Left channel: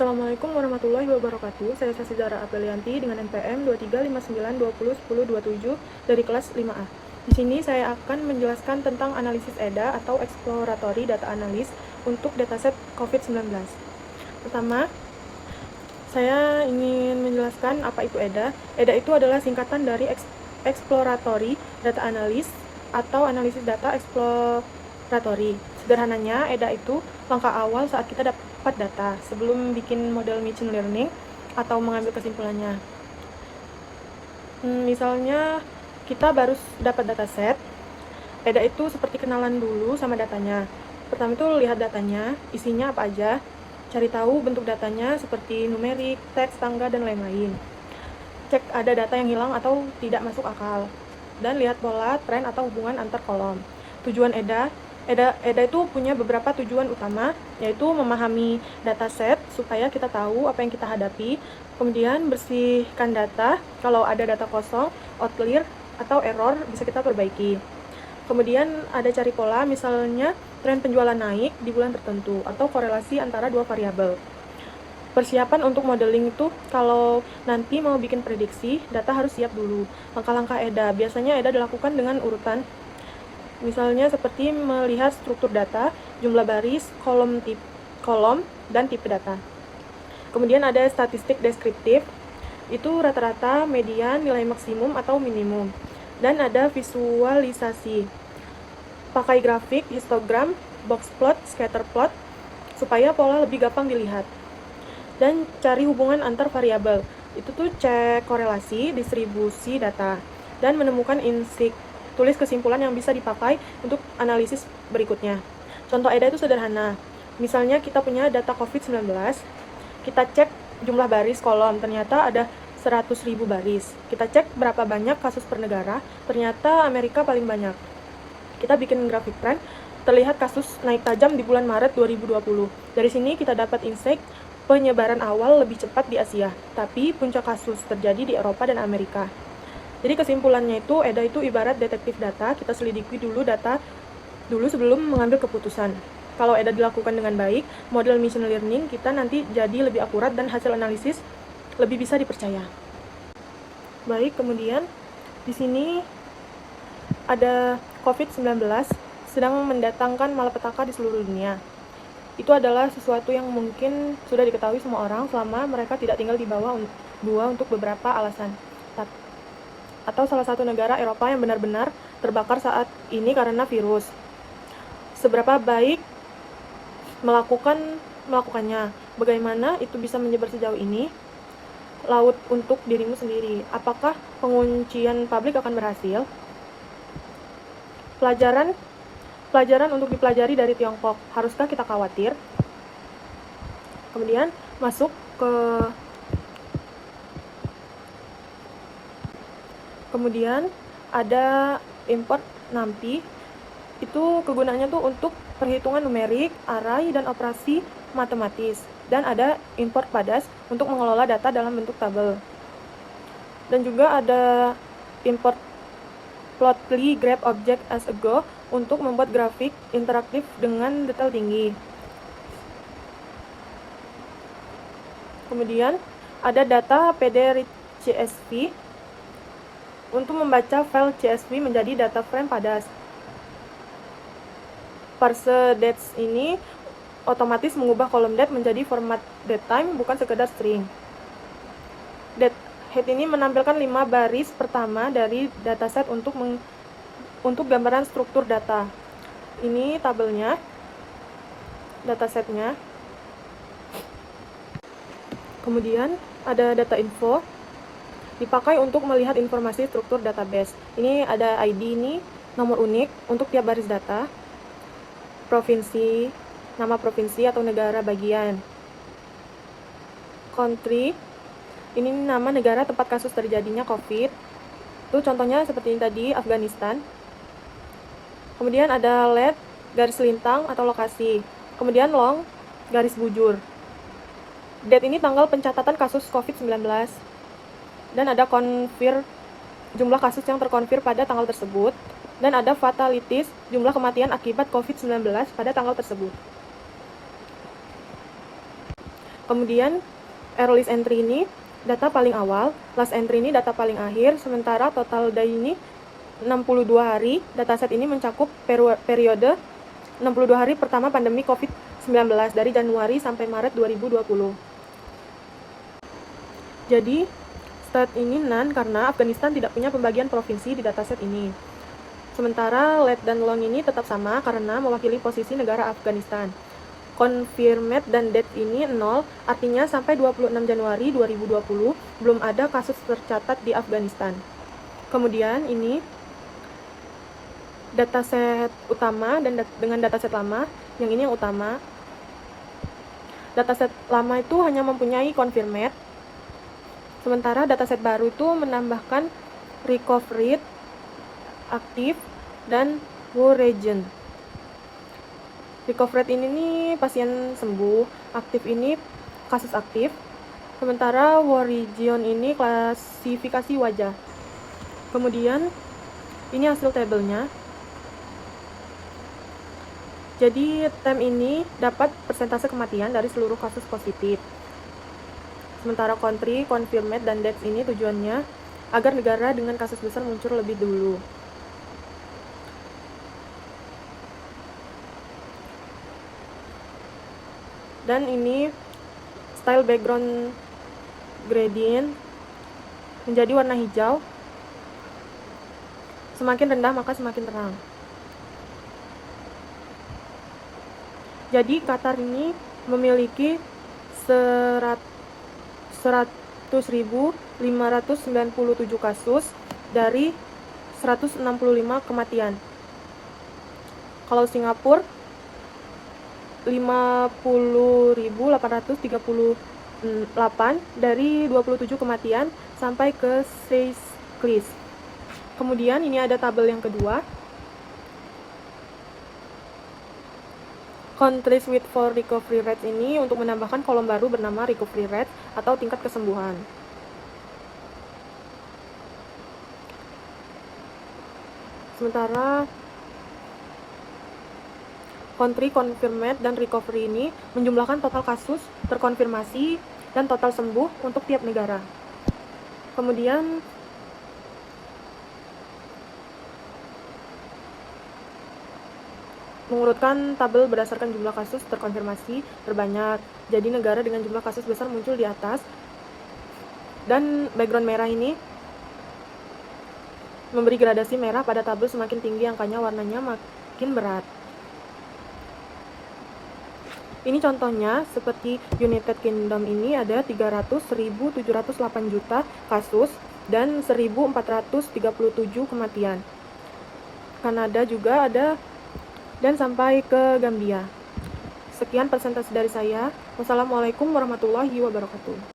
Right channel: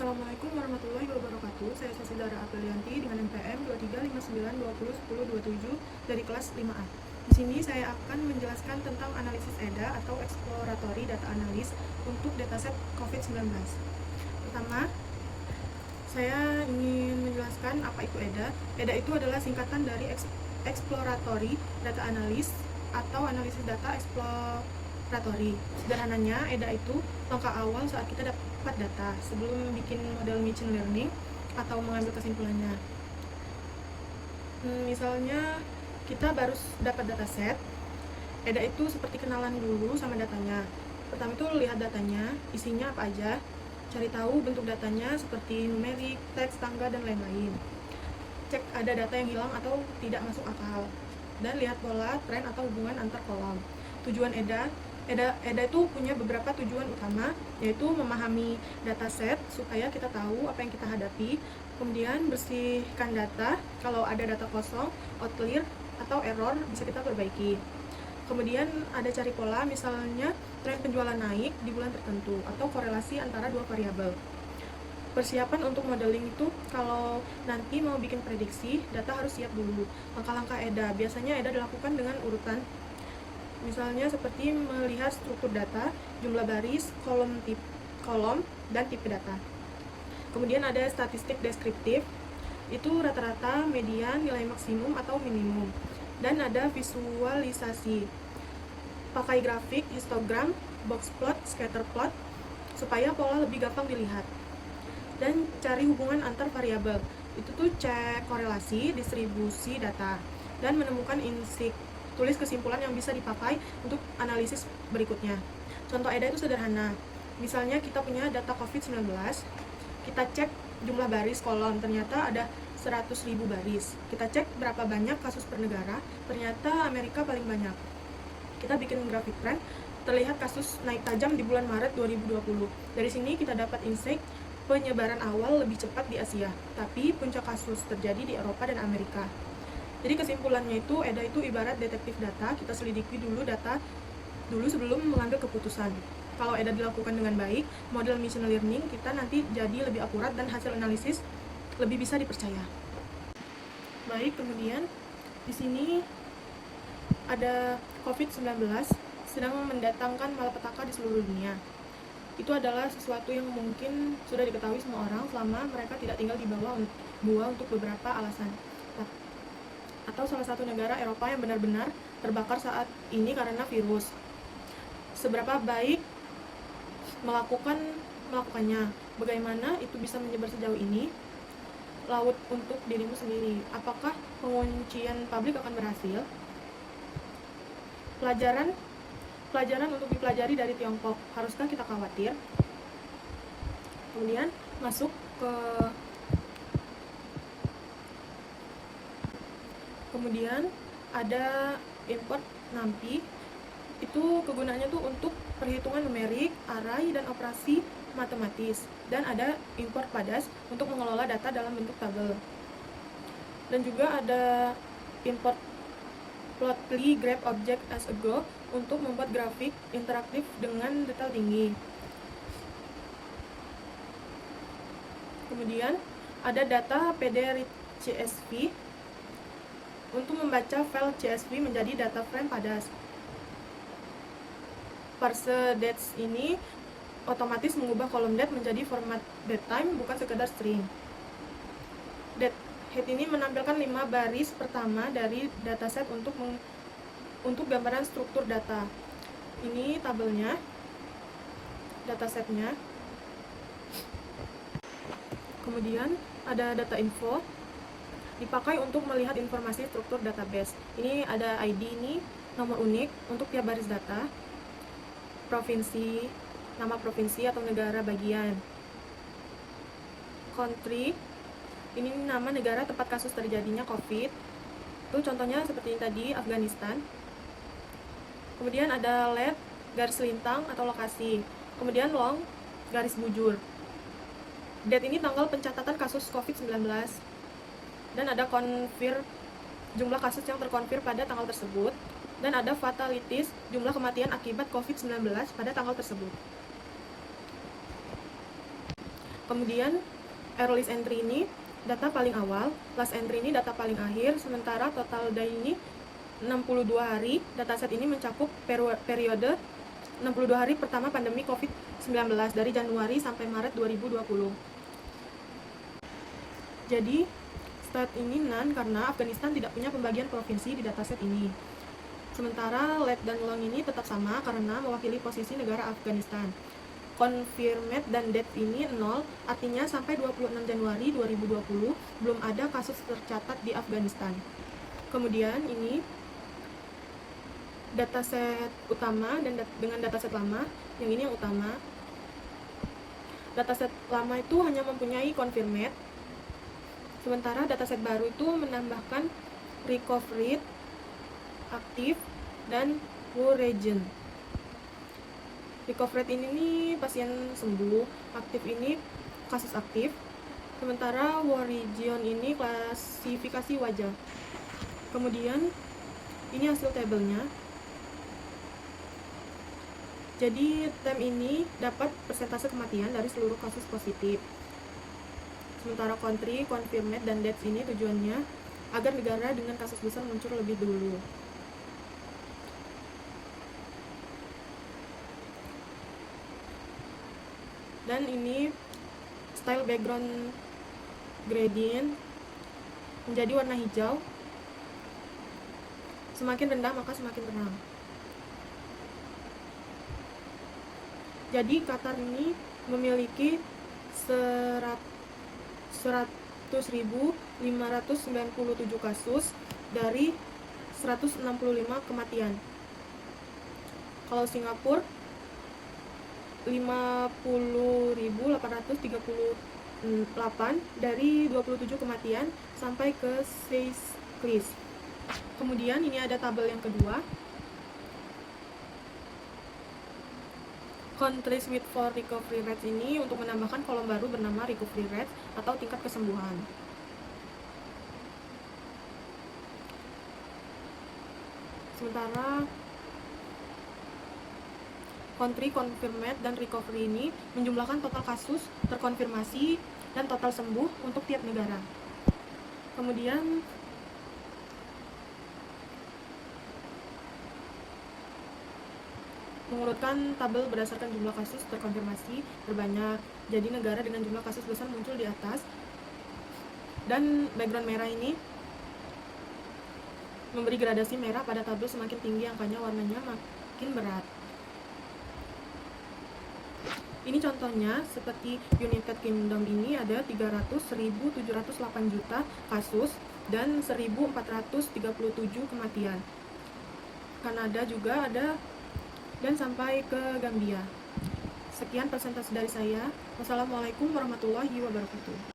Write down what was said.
Assalamualaikum warahmatullahi wabarakatuh. Saya Sasidara Apelianti dengan NPM 2359201027 dari kelas 5A. Di sini saya akan menjelaskan tentang analisis EDA atau Exploratory Data Analysis untuk dataset COVID-19. Pertama, saya ingin menjelaskan apa itu EDA. EDA itu adalah singkatan dari Exploratory Data Analysis atau analisis data exploratory. Sederhananya, EDA itu langkah awal saat kita dapat data sebelum bikin model machine learning atau mengambil kesimpulannya. Misalnya kita baru dapat dataset, EDA itu seperti kenalan dulu sama datanya. Pertama itu lihat datanya, isinya apa aja, cari tahu bentuk datanya seperti numerik, teks, tangga, dan lain-lain. Cek ada data yang hilang atau tidak masuk akal, dan lihat pola, tren, atau hubungan antar kolom. Tujuan EDA itu punya beberapa tujuan utama, yaitu memahami dataset supaya kita tahu apa yang kita hadapi, kemudian bersihkan data, kalau ada data kosong, outlier, atau error bisa kita perbaiki. Kemudian ada cari pola, misalnya tren penjualan naik di bulan tertentu, atau korelasi antara dua variabel. Persiapan untuk modeling itu, kalau nanti mau bikin prediksi, data harus siap dulu. Langkah-langkah EDA, biasanya EDA dilakukan dengan urutan, misalnya seperti melihat struktur data, jumlah baris, kolom, dan tipe data. Kemudian ada statistik deskriptif, itu rata-rata, median, nilai maksimum atau minimum. Dan ada visualisasi, pakai grafik, histogram, box plot, scatter plot, supaya pola lebih gampang dilihat. Dan cari hubungan antar variabel, itu tuh cek korelasi, distribusi data, dan menemukan insight, tulis kesimpulan yang bisa dipakai untuk analisis berikutnya. Contoh EDA itu sederhana, misalnya kita punya data COVID-19, kita cek jumlah baris kolom, ternyata ada 100.000 baris. Kita cek berapa banyak kasus per negara, ternyata Amerika paling banyak. Kita bikin grafik tren, terlihat kasus naik tajam di bulan Maret 2020. Dari sini kita dapat insight, penyebaran awal lebih cepat di Asia, tapi puncak kasus terjadi di Eropa dan Amerika. Jadi kesimpulannya itu, EDA itu ibarat detektif data, kita selidiki dulu data dulu sebelum mengambil keputusan. Kalau EDA dilakukan dengan baik, model machine learning kita nanti jadi lebih akurat dan hasil analisis lebih bisa dipercaya. Baik, kemudian di sini ada COVID-19 sedang mendatangkan malapetaka di seluruh dunia. Itu adalah sesuatu yang mungkin sudah diketahui semua orang selama mereka tidak tinggal di bawah gua untuk beberapa alasan. Atau salah satu negara Eropa yang benar-benar terbakar saat ini karena virus. Seberapa baik melakukannya? Bagaimana itu bisa menyebar sejauh ini? Laut untuk dirimu sendiri. Apakah penguncian pabrik akan berhasil? Pelajaran untuk dipelajari dari Tiongkok. Haruskah kita khawatir? Kemudian masuk ke kemudian ada import NumPy. Itu kegunaannya tuh untuk perhitungan numerik, array, dan operasi matematis. Dan ada import Padas untuk mengelola data dalam bentuk tabel. Dan juga ada import Plotly Grab Object as a Go untuk membuat grafik interaktif dengan detail tinggi. Kemudian ada data PD.csv untuk membaca file CSV menjadi data frame Padas. Parse dates ini otomatis mengubah kolom date menjadi format datetime, bukan sekedar string. Datehead ini menampilkan 5 baris pertama dari dataset untuk gambaran struktur data. Ini tabelnya, datasetnya. Kemudian ada data info, dipakai untuk melihat informasi struktur database. Ini ada ID ini, nomor unik untuk tiap baris data, provinsi, nama provinsi atau negara bagian. Country, ini nama negara tempat kasus terjadinya COVID. Itu contohnya seperti ini tadi, Afghanistan. Kemudian ada LED, garis lintang atau lokasi. Kemudian long, garis bujur. Date ini tanggal pencatatan kasus COVID-19. Dan ada konfir, jumlah kasus yang terkonfir pada tanggal tersebut. Dan ada fatalities, jumlah kematian akibat COVID-19 pada tanggal tersebut. Kemudian earliest entry ini data paling awal, last entry ini data paling akhir, sementara total day ini 62 hari. Dataset ini mencakup periode 62 hari pertama pandemi COVID-19 dari Januari sampai Maret 2020. Jadi, stat ini none karena Afghanistan tidak punya pembagian provinsi di dataset ini. Sementara let dan long ini tetap sama karena mewakili posisi negara Afghanistan. Confirmed dan death ini 0, artinya sampai 26 Januari 2020 belum ada kasus tercatat di Afghanistan. Kemudian ini dataset utama dan dengan dataset lama, yang ini yang utama. Dataset lama itu hanya mempunyai confirmed, sementara dataset baru itu menambahkan recovered, aktif, dan war region. Recovered ini nih pasien sembuh, aktif ini kasus aktif, sementara war region ini klasifikasi wajah. Kemudian ini hasil tabelnya. Jadi tem ini dapat persentase kematian dari seluruh kasus positif. Sementara country, confirmed, dan deaths ini tujuannya agar negara dengan kasus besar muncul lebih dulu. Dan ini style background gradient menjadi warna hijau. Semakin rendah maka semakin terang. Jadi Qatar ini memiliki 100.597 kasus dari 165 kematian. Kalau Singapura 50.838 dari 27 kematian sampai ke 6 case. Kemudian ini ada tabel yang kedua. Countries with for recovery rates ini untuk menambahkan kolom baru bernama recovery rate atau tingkat kesembuhan. Sementara country confirmed dan recovery ini menjumlahkan total kasus terkonfirmasi dan total sembuh untuk tiap negara. Kemudian mengurutkan tabel berdasarkan jumlah kasus terkonfirmasi terbanyak. Jadi negara dengan jumlah kasus besar muncul di atas. Dan background merah ini memberi gradasi merah pada tabel, semakin tinggi angkanya warnanya makin berat. Ini contohnya seperti United Kingdom ini ada 300.708 juta kasus dan 1.437 kematian. Kanada juga ada dan sampai ke Gambia. Sekian presentasi dari saya. Wassalamualaikum warahmatullahi wabarakatuh.